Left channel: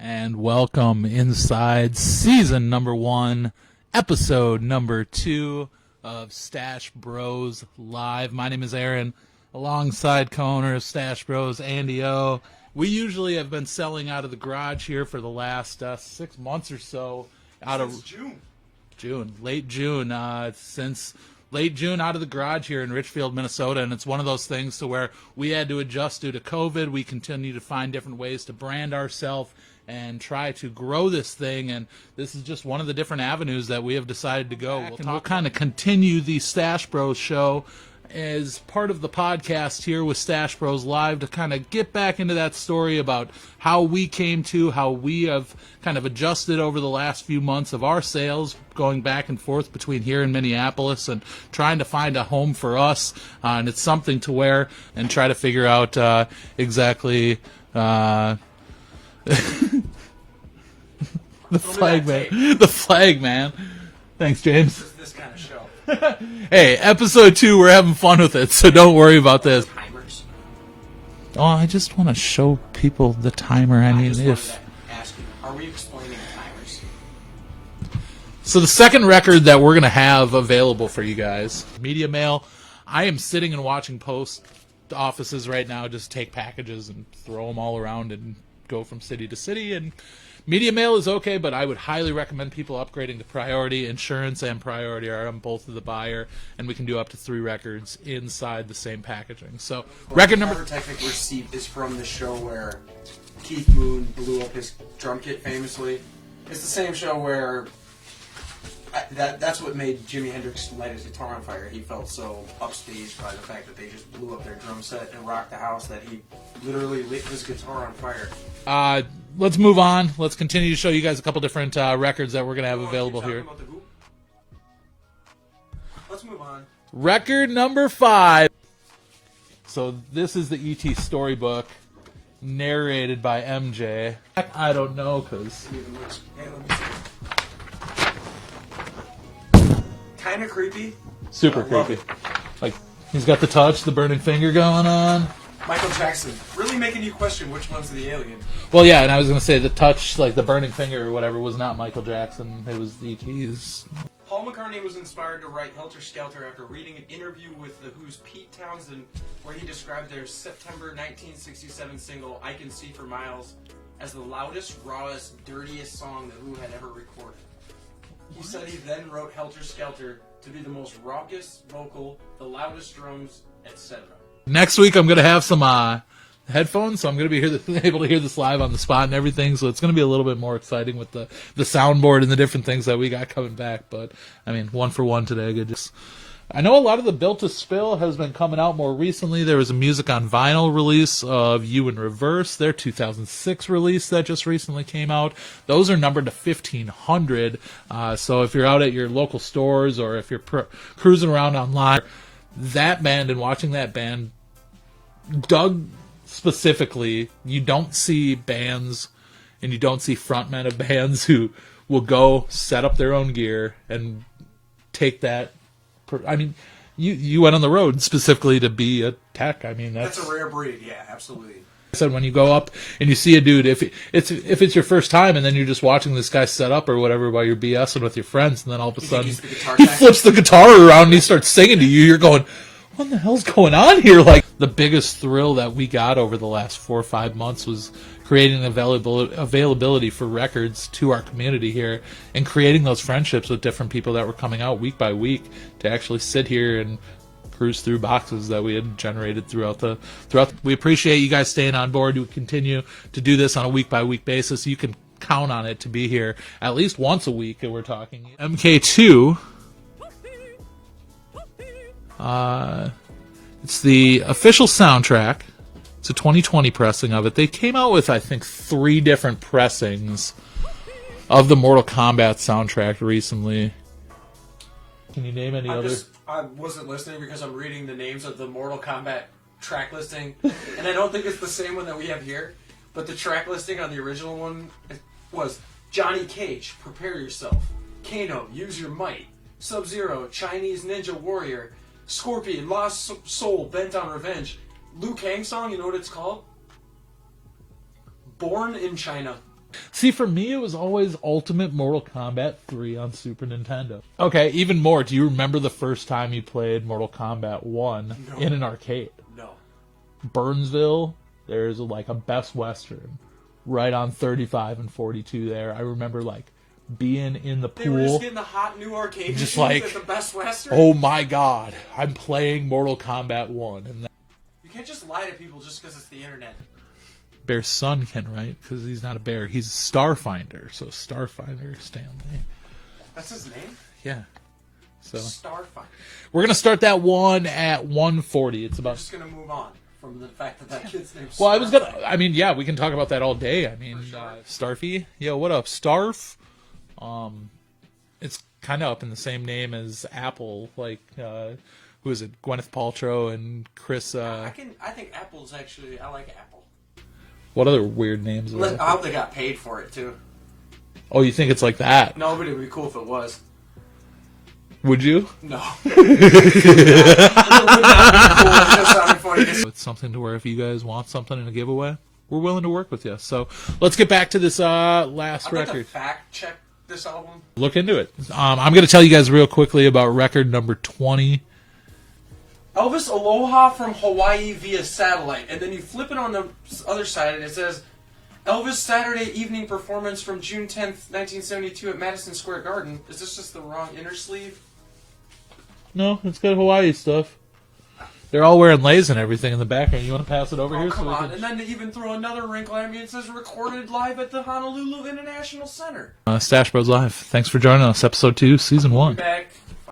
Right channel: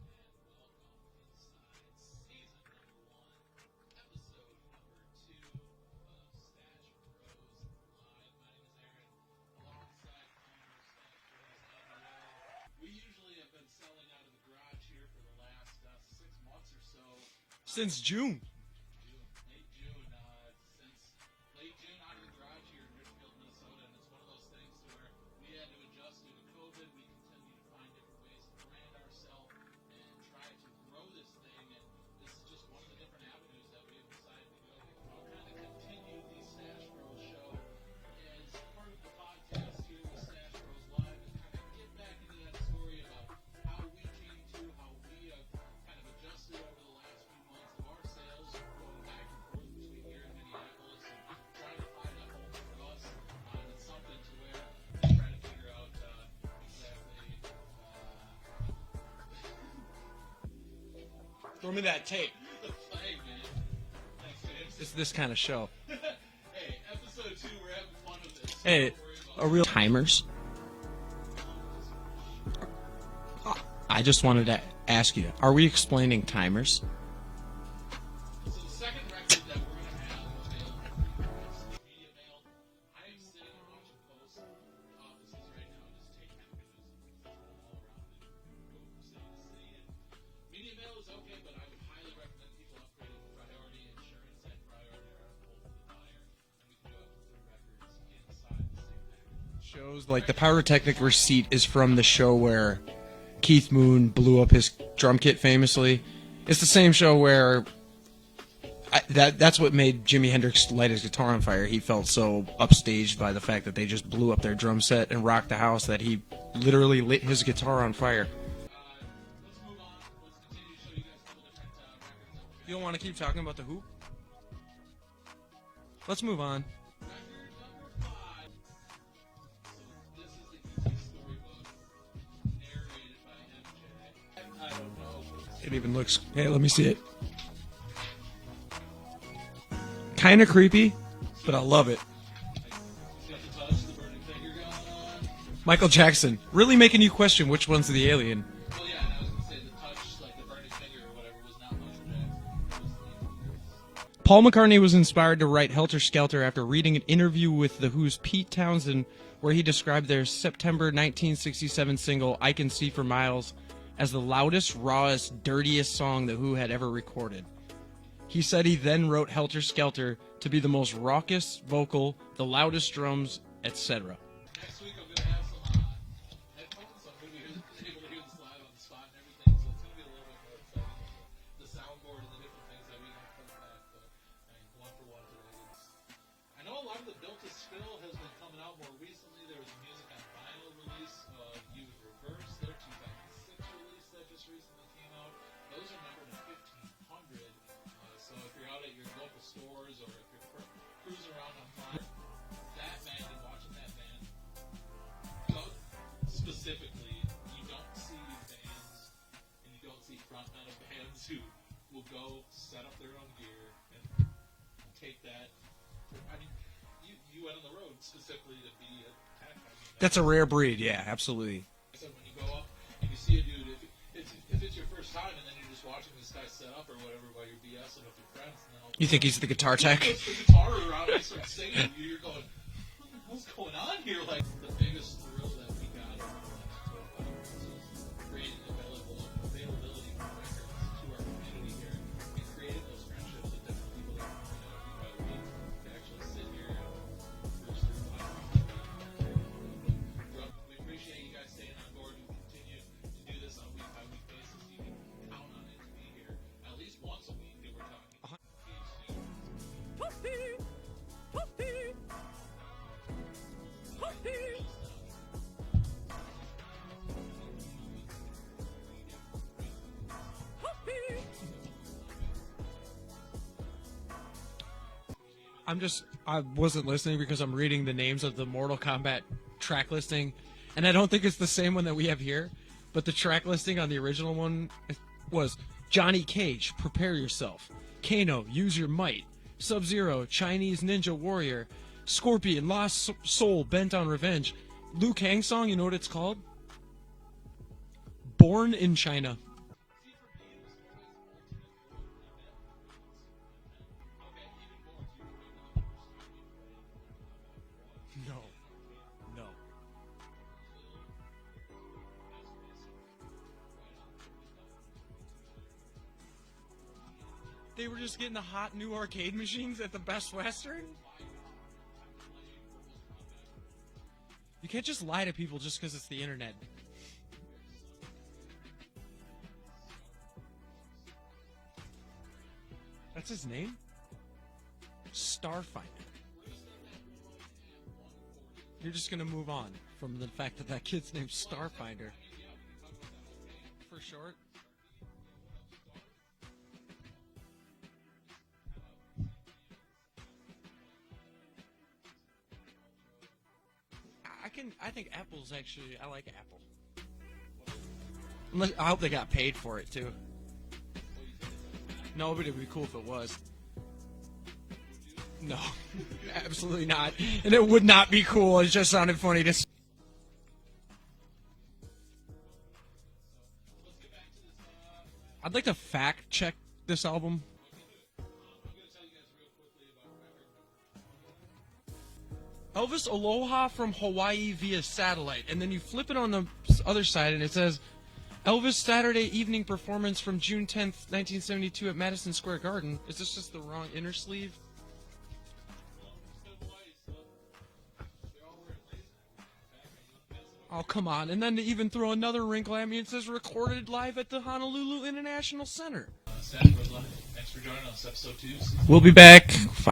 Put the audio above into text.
And welcome inside season number 1, episode number 2 of Stash Bros Live. My name is Aaron, alongside co-owner of Stash Bros, Andy O. We usually have been selling out of the garage here for the last 6 months or so. Since Late June, since late June out of the garage here in Richfield, Minnesota, and it's one of those things to where we had to adjust due to COVID. We continue to find different ways to brand ourselves and try to grow this thing, and this is just one of the different avenues that we have decided to go. We'll kind of continue the Stash Bros show as part of the podcast here with Stash Bros Live to kind of get back into that story about how we came to, how we have kind of adjusted over the last few months of our sales, going back and forth between here and Minneapolis and trying to find a home for us, and it's something to wear and try to figure out exactly the flag man. Thanks, James. It's this kind of show. Hey, episode 2, we're having fun with it, so don't worry about this. Timers? Oh, I just want to show people the timer. I just wanted to ask you, are we explaining timers? So the second record that we're going to have available for you guys, Media Mail. I am sitting and watching post offices right now just take packages and throw them all around and go from city to city, and Media Mail is okay, but I would highly recommend people upgrading to Priority. Insurance and Priority are on both of the buyer, and we can do up to 3 records inside the same packaging. So, record number... Pyrotechnic Receipt is from the show where Keith Moon blew up his drum kit famously. It's the same show where that's what made Jimi Hendrix light his guitar on fire. He felt so upstaged by the fact that they just blew up their drum set and rocked the house that he literally lit his guitar on fire. Let's move on. Let's continue to show you guys a couple different records that we're going to have available here. Let's move on. Record number 5. So this is the E.T. storybook, narrated by MJ. I don't know, because it even looks... Hey, let me see it. Kind of creepy. Super love it. Like, he's got the touch, the burning finger going on. Michael Jackson, really making you question which one's the alien. Well, yeah, and I was going to say the touch, like the burning finger or whatever, was not Michael Jackson. It was E.T.'s. Paul McCartney was inspired to write Helter Skelter after reading an interview with The Who's Pete Townsend, where he described their September 1967 single, I Can See for Miles, as the loudest, rawest, dirtiest song The Who had ever recorded. He said he then wrote Helter Skelter to be the most raucous vocal, the loudest drums, etc. Next week, I'm going to have some headphones, so I'm going to be able to hear this live on the spot and everything, so it's going to be a little bit more exciting with the soundboard and the different things that we got coming back. But, I mean, 1 for 1 today. I know a lot of the Built to Spill has been coming out more recently. There was a Music on Vinyl release of You in Reverse, their 2006 release that just recently came out. Those are numbered to 1,500, so if you're out at your local stores or if you're cruising around online, that band and watching that band, Doug specifically, you don't see bands and you don't see frontmen of bands who will go set up their own gear and take that. I mean, you went on the road specifically to be a tech. I mean, that's a rare breed. Yeah, absolutely. I said when you go up and you see a dude, if it's your first time and then you're just watching this guy set up or whatever while you're BSing with your friends, and then all of a sudden he's the guitar he tech? flips the guitar around and he starts singing to you, you're going, what the hell's going on here? Like, the biggest thrill that we got over the last 4 or 5 months was creating availability for records to our community here and creating those friendships with different people that were coming out week by week to actually sit here and cruise through boxes that we had generated throughout. We appreciate you guys staying on board. We continue to do this on a week by week basis. You can count on it to be here at least once a week, and we're talking MK2. It's the official soundtrack. It's a 2020 pressing of it. They came out with, I think, 3 different pressings of the Mortal Kombat soundtrack recently. Can you name any other? I wasn't listening because I'm reading the names of the Mortal Kombat track listing, and I don't think it's the same one that we have here, but the track listing on the original one was Johnny Cage, Prepare Yourself, Kano, Use Your Might, Sub-Zero, Chinese Ninja Warrior, Scorpion, Lost Soul, Bent on Revenge. Liu Kang song, you know what it's called? Born in China. See, for me, it was always Ultimate Mortal Kombat 3 on Super Nintendo. Okay, even more. Do you remember the first time you played Mortal Kombat 1 in an arcade? No. Burnsville, there's like a Best Western right on 35 and 42 there. I remember like being in the pool. They were just getting the hot new arcade Just machines like, at the Best Western. Oh my god, I'm playing Mortal Kombat 1. And You can't just lie to people just because it's the internet. Bear's son can, right? Because he's not a bear. He's a Starfinder. So Starfinder Stanley. That's his name? Yeah. So Starfinder. we're going to start that one at 140. It's We're about... just gonna move on from the fact that kid's name's Well, I was gonna. Starfinder. I mean, yeah, we can talk about that all day. I mean, sure. Starfy. Yo, what up, Starf? It's kind of up in the same name as Apple. Like, who is it? Gwyneth Paltrow and Chris. I think Apple's actually. I like Apple. What other weird names? Are I there? hope they got paid for it too. Oh, you think it's like that? No, but it'd be cool if it was. Would you? No. It would not be cool. It just sounded funny. It's something to where if you guys want something in a giveaway, we're willing to work with you. So let's get back to this last I'd like to record. fact check this album. Look into it. I'm going to tell you guys real quickly about record number 20. Elvis Aloha from Hawaii via satellite, and then you flip it on the other side, and it says Elvis Saturday evening performance from June 10th, 1972 at Madison Square Garden. Is this just the wrong inner sleeve? No, it's got Hawaii stuff. They're all wearing leis and everything in the background. You want to pass it over Oh, here? come we on. can- And then to even throw another wrinkle at me, it says recorded live at the Honolulu International Center. Stash Bros Live. Thanks for joining us. Episode 2, Season 1. back.